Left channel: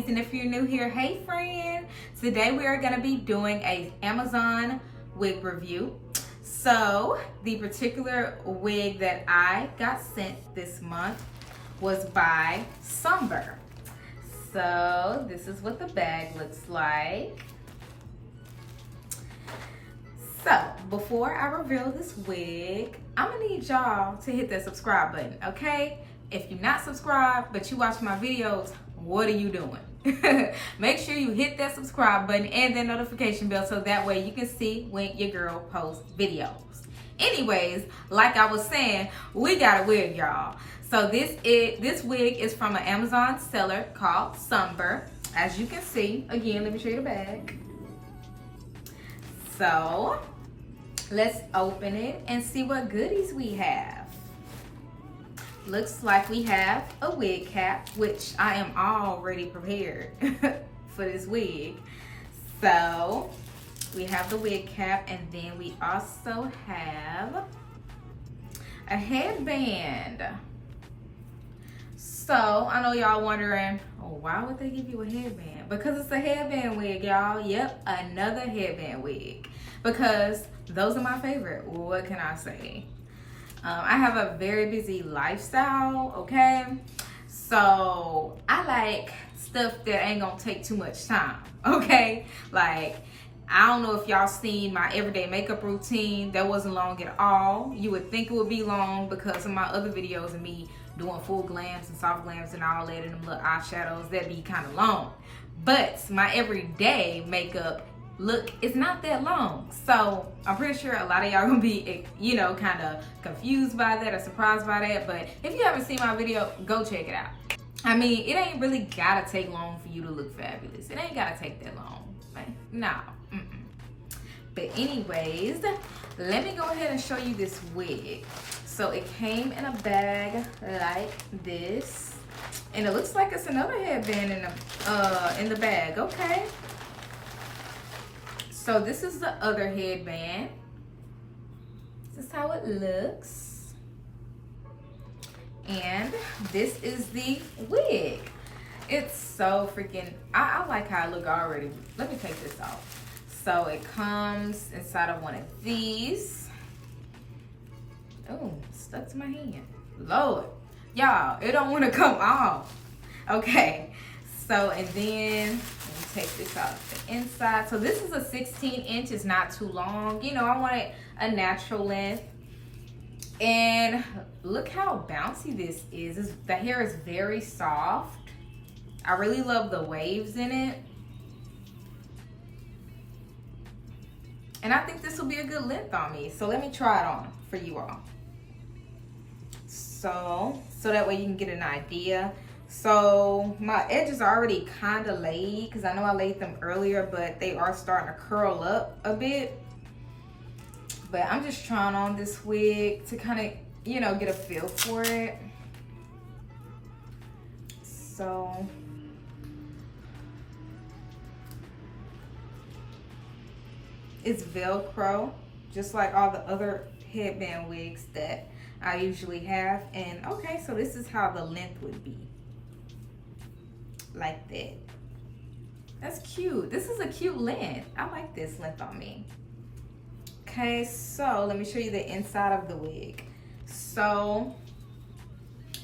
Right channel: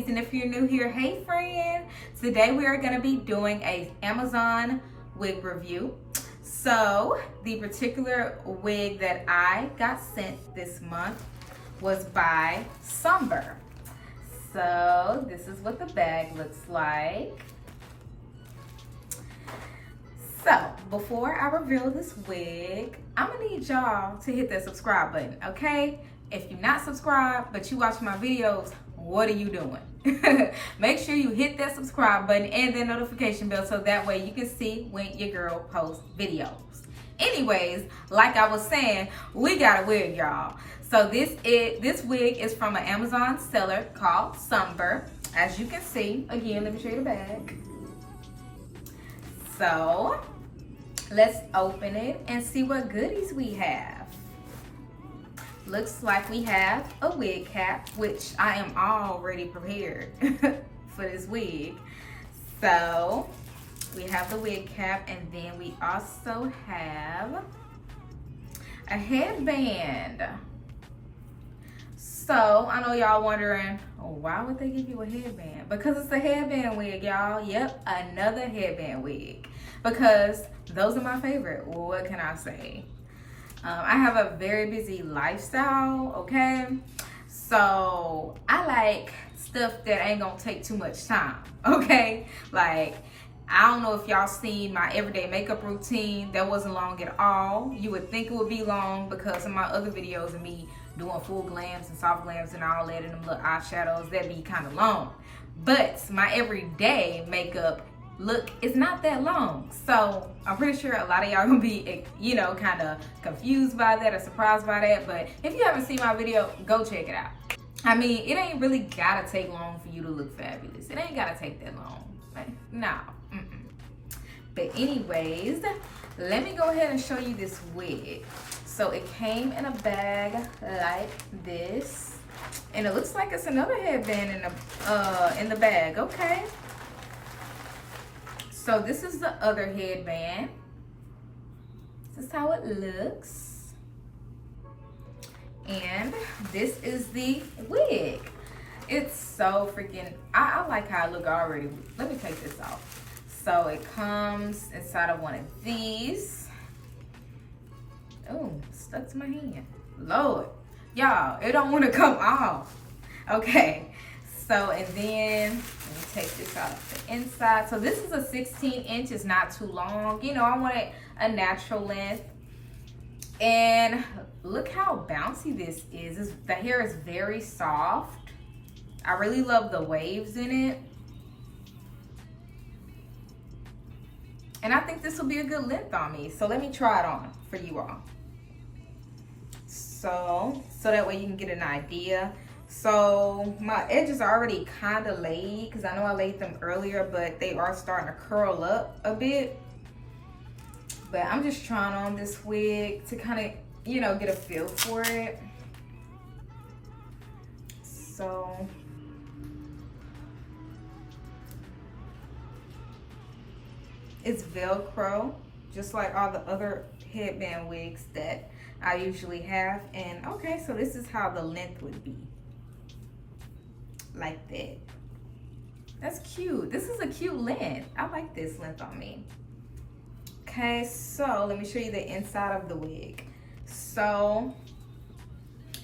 Wigs, and if you're new here, hey friend. Today we are going to be doing a Amazon wig review. So the particular wig that I got sent this month was by Sunber. So this is what the bag looks like. So before I reveal this wig, I'm gonna need y'all to hit that subscribe button, okay? If you're not subscribed, but you watch my videos, what are you doing? Make sure you hit that subscribe button and the notification bell so that way you can see when your girl posts videos. Anyways, like I was saying, we got a wig, y'all. So this wig is from an Amazon seller called Sunber. As you can see, again, let me show you the bag. So let's open it and see what goodies we have. Looks like we have a wig cap, which I am already prepared for this wig. So we have the wig cap, and then we also have a headband. So I know y'all wondering, oh, why would they give you a headband? Because it's a headband wig, y'all. Yep, another headband wig. Because those are my favorite. What can I say? I have a very busy lifestyle, okay? So I like stuff that ain't gonna take too much time, okay? Like, I don't know if y'all seen my everyday makeup routine. That wasn't long at all. You would think it would be long because of my other videos of me doing full glams and soft glams and all that and them little eyeshadows. That'd be kind of long. But my everyday makeup look is not that long. So I'm pretty sure a lot of y'all gonna be, you know, kind of confused by that or surprised by that. But if you haven't seen my video, go check it out. I mean, it ain't really gotta take long for you to look fabulous. It ain't gotta take that long. Right? No. But anyways, let me go ahead and show you this wig. So it came in a bag like this, and it looks like it's another headband in the bag. Okay. So this is the other headband. This is how it looks. And this is the wig. It's so freaking, I like how it look already. Let me take this off. So it comes inside of one of these. Oh, stuck to my hand. Lord. Y'all, it don't want to come off. Okay. So, and then, let me take this off the inside. So this is a 16-inch. It's not too long. You know, I want it a natural length. And look how bouncy this is. The hair is very soft. I really love the waves in it. And I think this will be a good length on me. So let me try it on for you all. So that way you can get an idea. So my edges are already kind of laid because I know I laid them earlier, but they are starting to curl up a bit. But I'm just trying on this wig to kind of, you know, get a feel for it. So it's Velcro, just like all the other headband wigs that I usually have. And okay, so this is how the length would be. Like that. That's cute. This is a cute length. I like this length on me. Okay, so let me show you the inside of the wig. So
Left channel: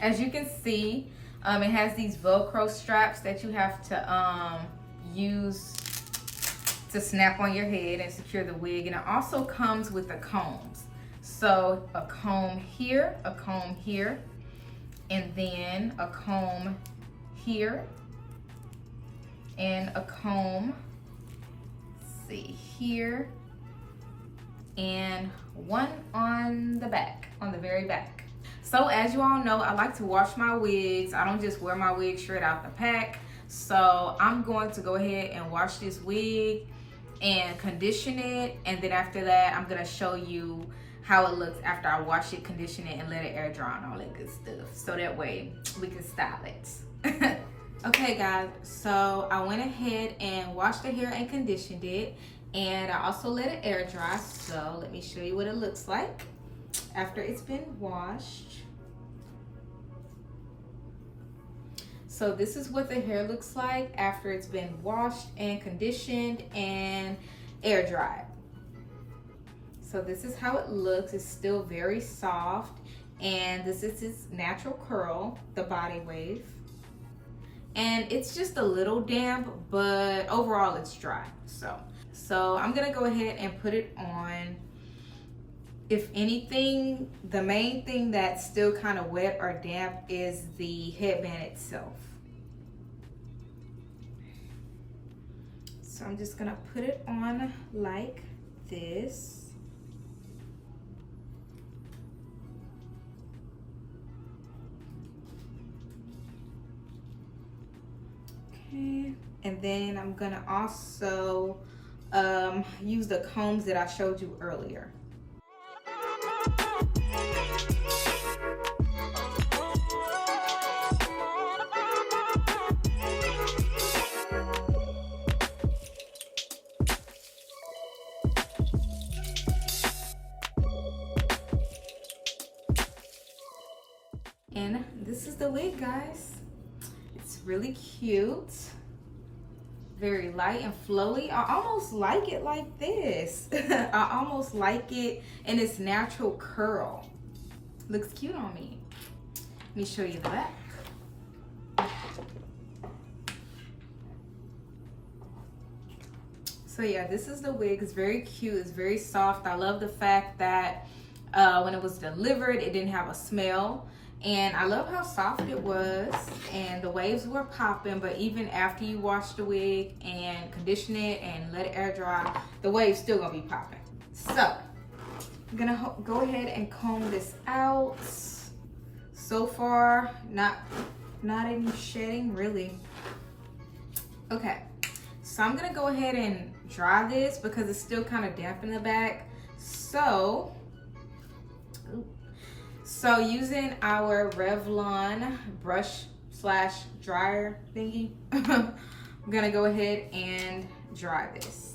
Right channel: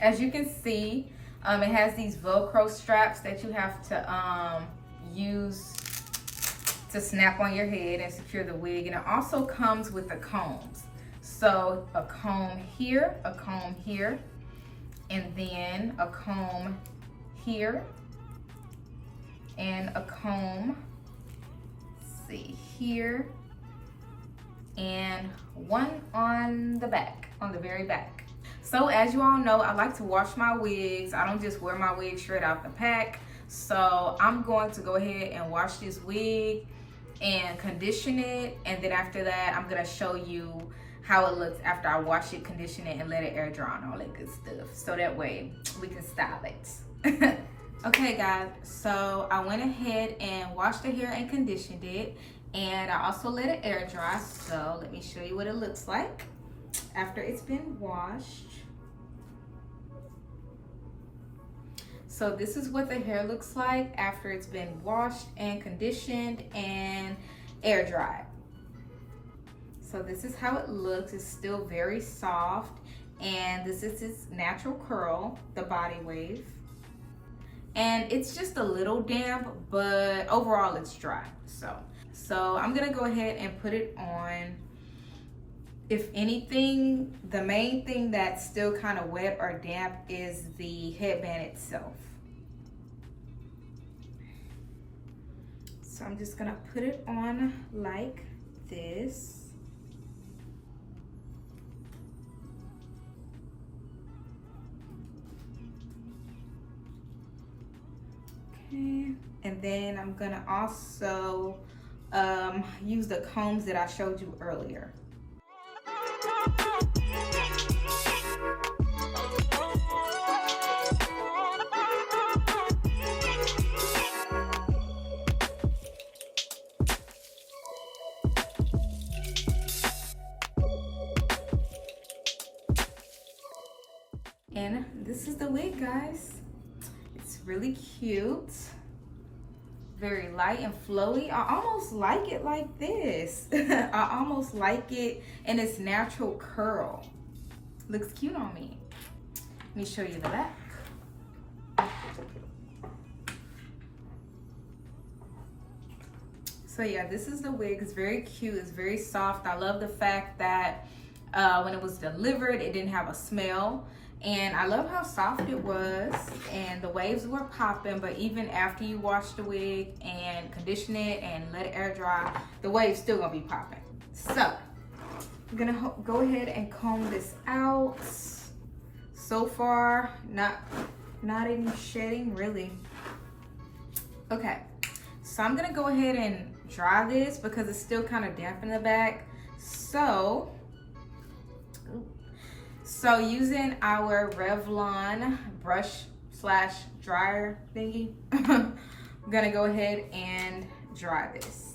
as you can see, it has these Velcro straps that you have to use to snap on your head and secure the wig. And it also comes with the combs. So a comb here, and then a comb here, and a comb, let's see, here, and one on the back, on the very back. So as you all know, I like to wash my wigs. I don't just wear my wig straight out the pack. So I'm going to go ahead and wash this wig and condition it, and then after that I'm gonna show you how it looks after I wash it, condition it, and let it air dry and all that good stuff, so that way we can style it. Okay guys, so I went ahead and washed the hair and conditioned it, and I also let it air dry. So let me show you what it looks like after it's been washed. So this is what the hair looks like after it's been washed and conditioned and air dried. So this is how it looks. It's still very soft, and this is its natural curl, the body wave. And it's just a little damp, but overall it's dry. So I'm gonna go ahead and put it on. If anything, the main thing that's still kind of wet or damp is the headband itself. So I'm just gonna put it on like this. Okay, and then I'm gonna also use the combs that I showed you earlier. And this is the wig, guys. It's really cute, very light and flowy. I almost like it like this. I almost like it in its natural curl. Looks cute on me. Let me show you the back. So yeah, this is the wig. It's very cute. It's very soft. I love the fact that when it was delivered, it didn't have a smell. And I love how soft it was, and the waves were popping, but even after you wash the wig and condition it and let it air dry, the waves still gonna be popping. So I'm gonna go ahead and comb this out. So far, not any shedding really. Okay, so I'm gonna go ahead and dry this because it's still kind of damp in the back. So using our Revlon brush / dryer thingy, I'm gonna go ahead and dry this.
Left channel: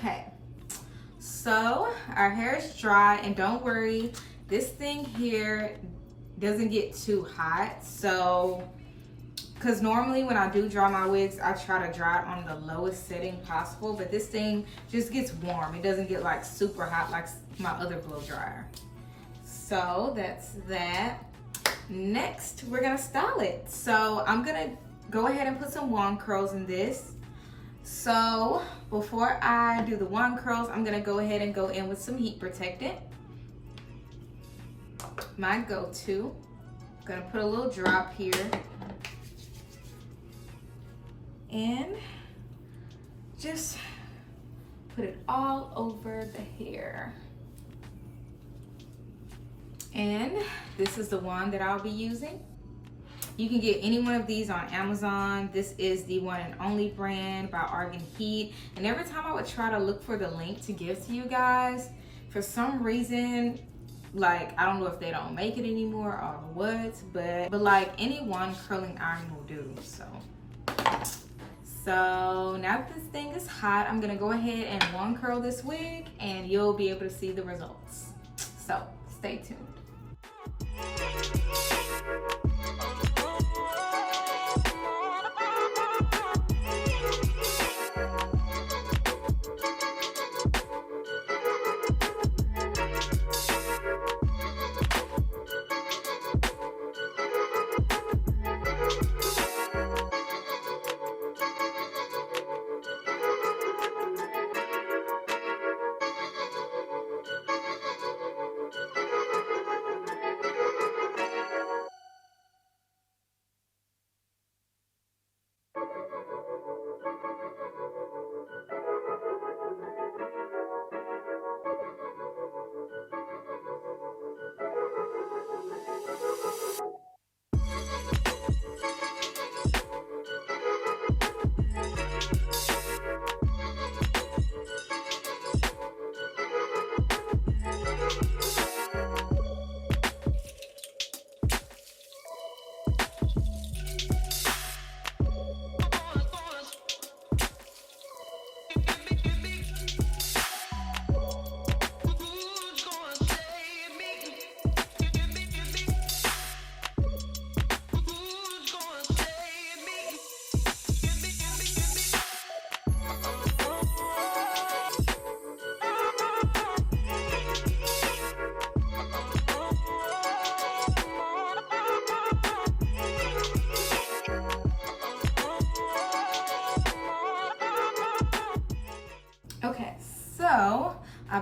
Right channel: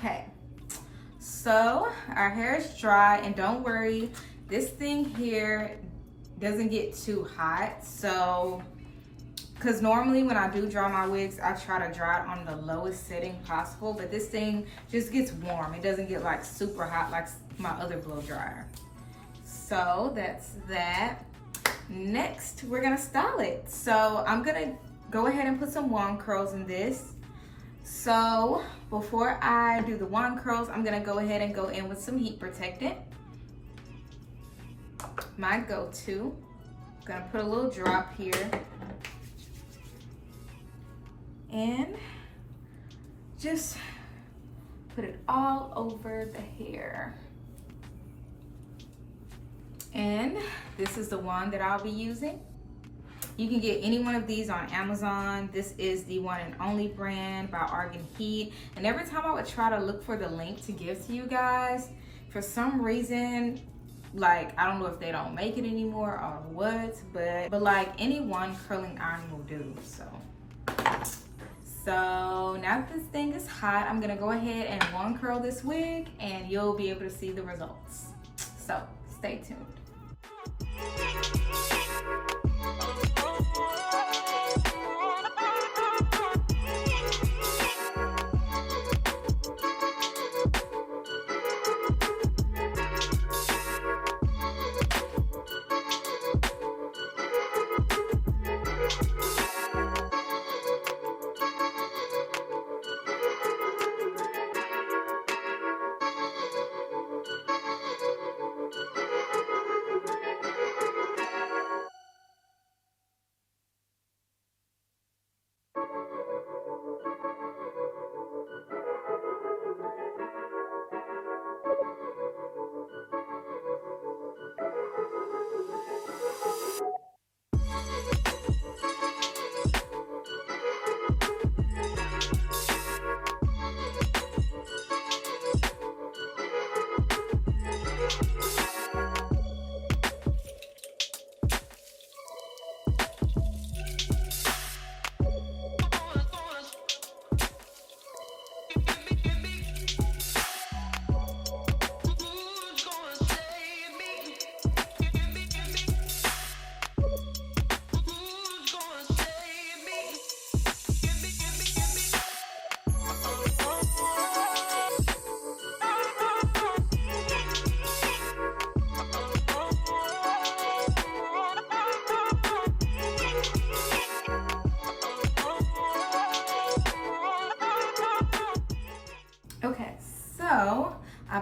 Okay, so our hair is dry, and don't worry, this thing here doesn't get too hot. So, because normally when I do dry my wigs, I try to dry it on the lowest setting possible, but this thing just gets warm. It doesn't get like super hot like my other blow dryer. So that's that. Next, we're gonna style it. So I'm gonna go ahead and put some wand curls in this. So before I do the wand curls, I'm gonna go ahead and go in with some heat protectant. My go-to. I'm gonna put a little drop here. And just put it all over the hair. And this is the one that I'll be using. You can get any one of these on Amazon. This is the One and Only brand by Argan Heat. And every time I would try to look for the link to give to you guys, for some reason, like, I don't know if they don't make it anymore or what, but like any one curling iron will do. So now that this thing is hot, I'm gonna go ahead and wand curl this wig, and you'll be able to see the results. So stay tuned.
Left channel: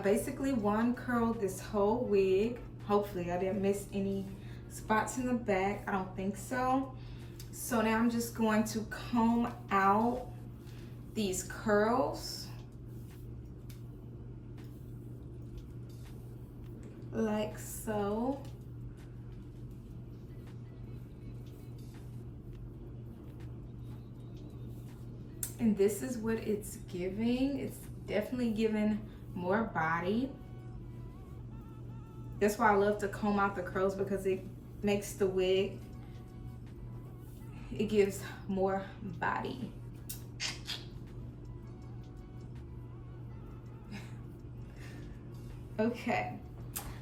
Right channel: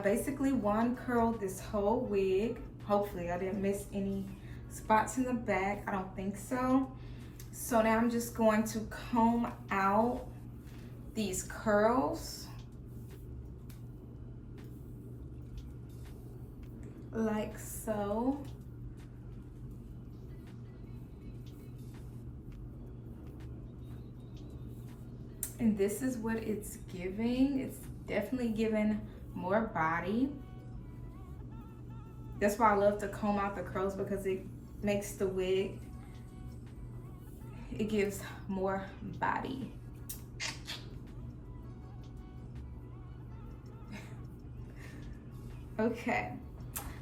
basically one curled this whole wig. Hopefully I didn't miss any spots in the back. I don't think so. So now I'm just going to comb out these curls like so. And this is what it's giving. It's definitely giving more body. That's why I love to comb out the curls, because it makes the wig, it gives more body. Okay,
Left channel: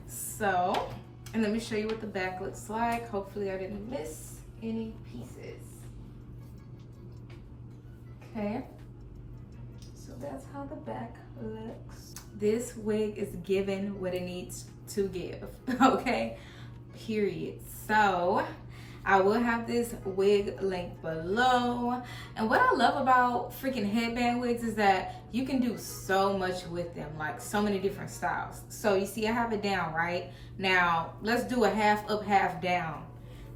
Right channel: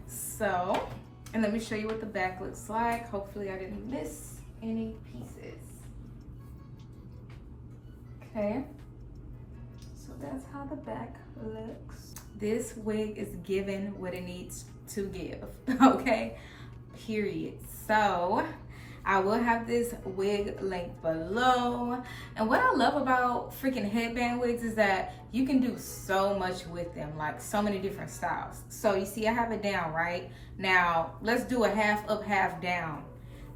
so, and let me show you what the back looks like. Hopefully I didn't miss any pieces. Okay, so that's how the back looks. This wig is giving what it needs to give, okay, period. So I will have this wig link below. And what I love about freaking headband wigs is that you can do so much with them, like so many different styles. So you see I have it down, right? Now let's do a half up, half down.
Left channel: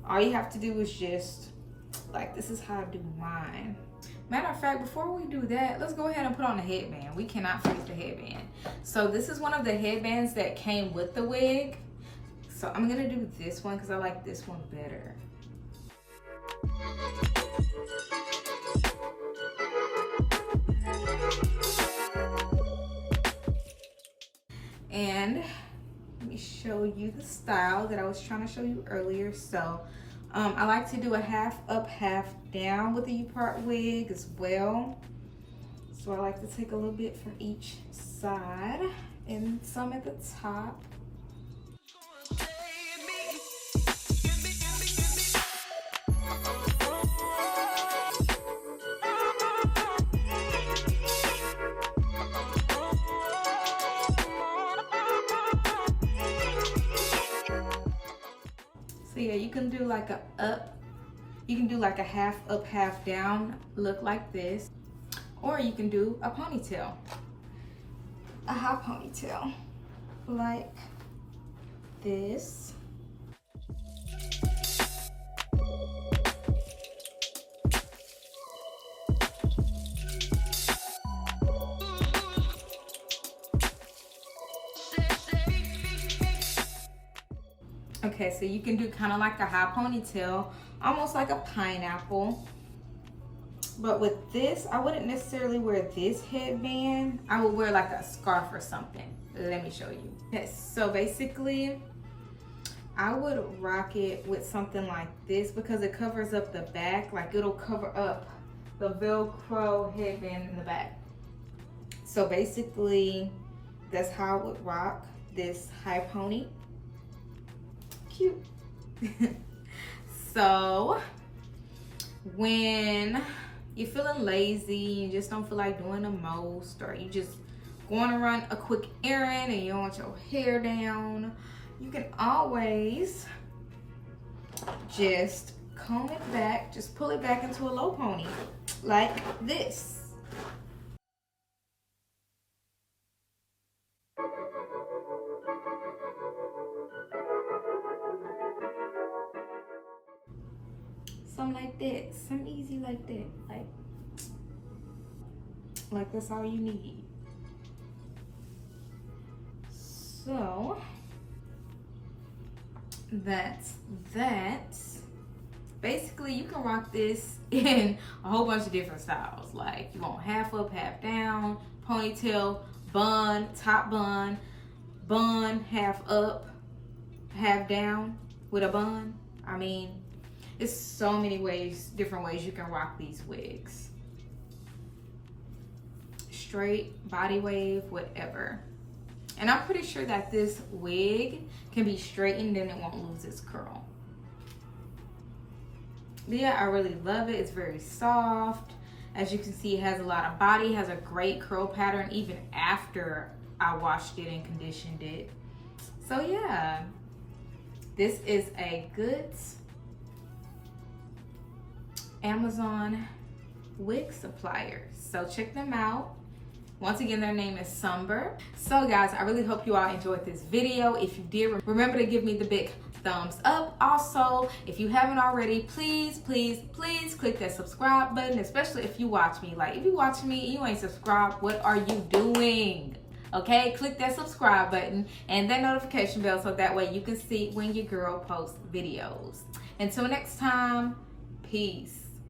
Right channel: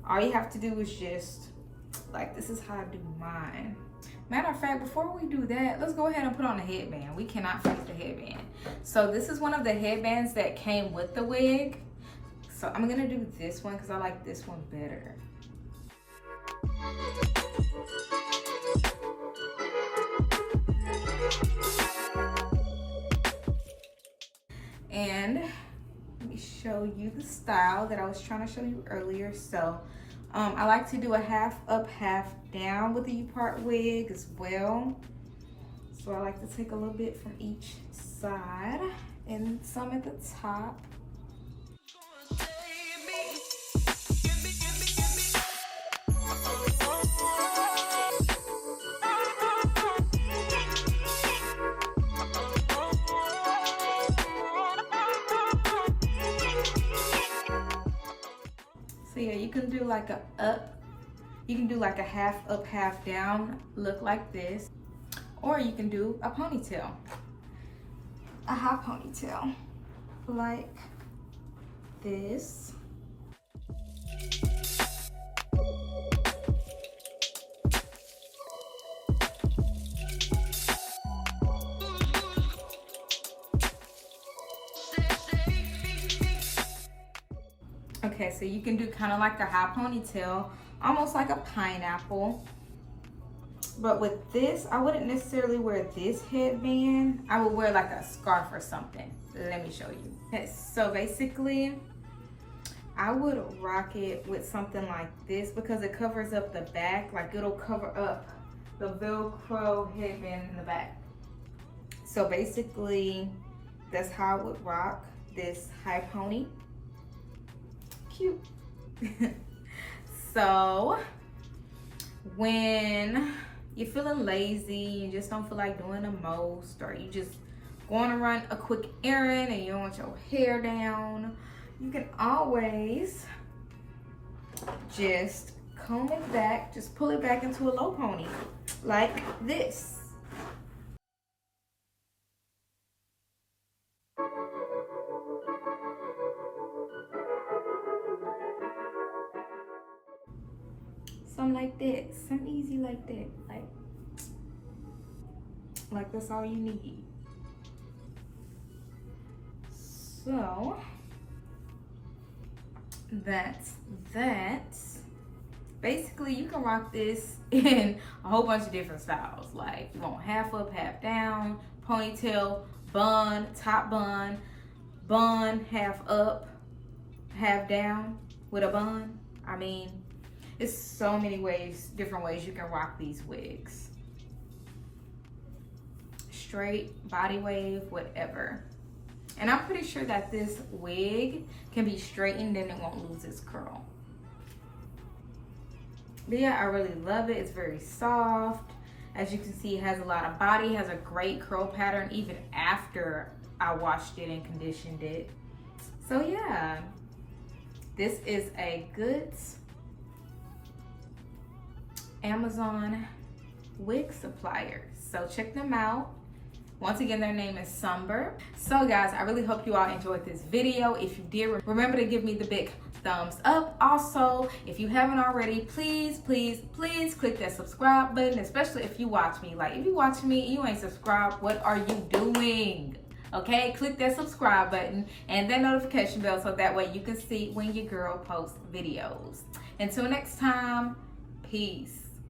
All you have to do is just, like, this is how I do mine. Matter of fact, before we do that, let's go ahead and put on the headband. We cannot forget the headband. So this is one of the headbands that came with the wig. So I'm gonna do this one because I like this one better. And let me show you the style that I was trying to show you earlier. So I like to do a half up, half down with the U-part wig as well. So I like to take a little bit from each side and some at the top. So yeah, you can do like a up, you can do like a half up, half down look like this, or you can do a ponytail, a high ponytail like this. Okay, so you can do kind of like a high ponytail, almost like a pineapple. But with this, I wouldn't necessarily wear this headband. I would wear like a scarf or something. Let me show you. Okay, so basically, I would rock it with something like this because it covers up the back. Like, it'll cover up the Velcro headband in the back. So basically, that's how I would rock this high pony. Cute. So when you're feeling lazy, you just don't feel like doing the most, or you just want to run a quick errand and you don't want your hair down, you can always just comb it back, just pull it back into a low pony like this. Something like that, something easy like that, like that's all you need. So that's that. Basically, you can rock this in a whole bunch of different styles. Like, you want half up, half down, ponytail, bun, top bun, bun, half up, half down with a bun. I mean, it's so many ways, different ways you can rock these wigs. Straight, body wave, whatever. And I'm pretty sure that this wig can be straightened and it won't lose its curl. But yeah, I really love it. It's very soft. As you can see, it has a lot of body, has a great curl pattern even after I washed it and conditioned it. So yeah, this is a good Amazon wig supplier. So check them out. Once again, their name is Sunber. So guys, I really hope you all enjoyed this video. If you did, remember to give me the big thumbs up. Also, if you haven't already, please click that subscribe button, especially if you watch me. Like, if you watching me and you ain't subscribed, what are you doing? Okay, click that subscribe button and that notification bell so that way you can see when your girl posts videos. Until next time, peace.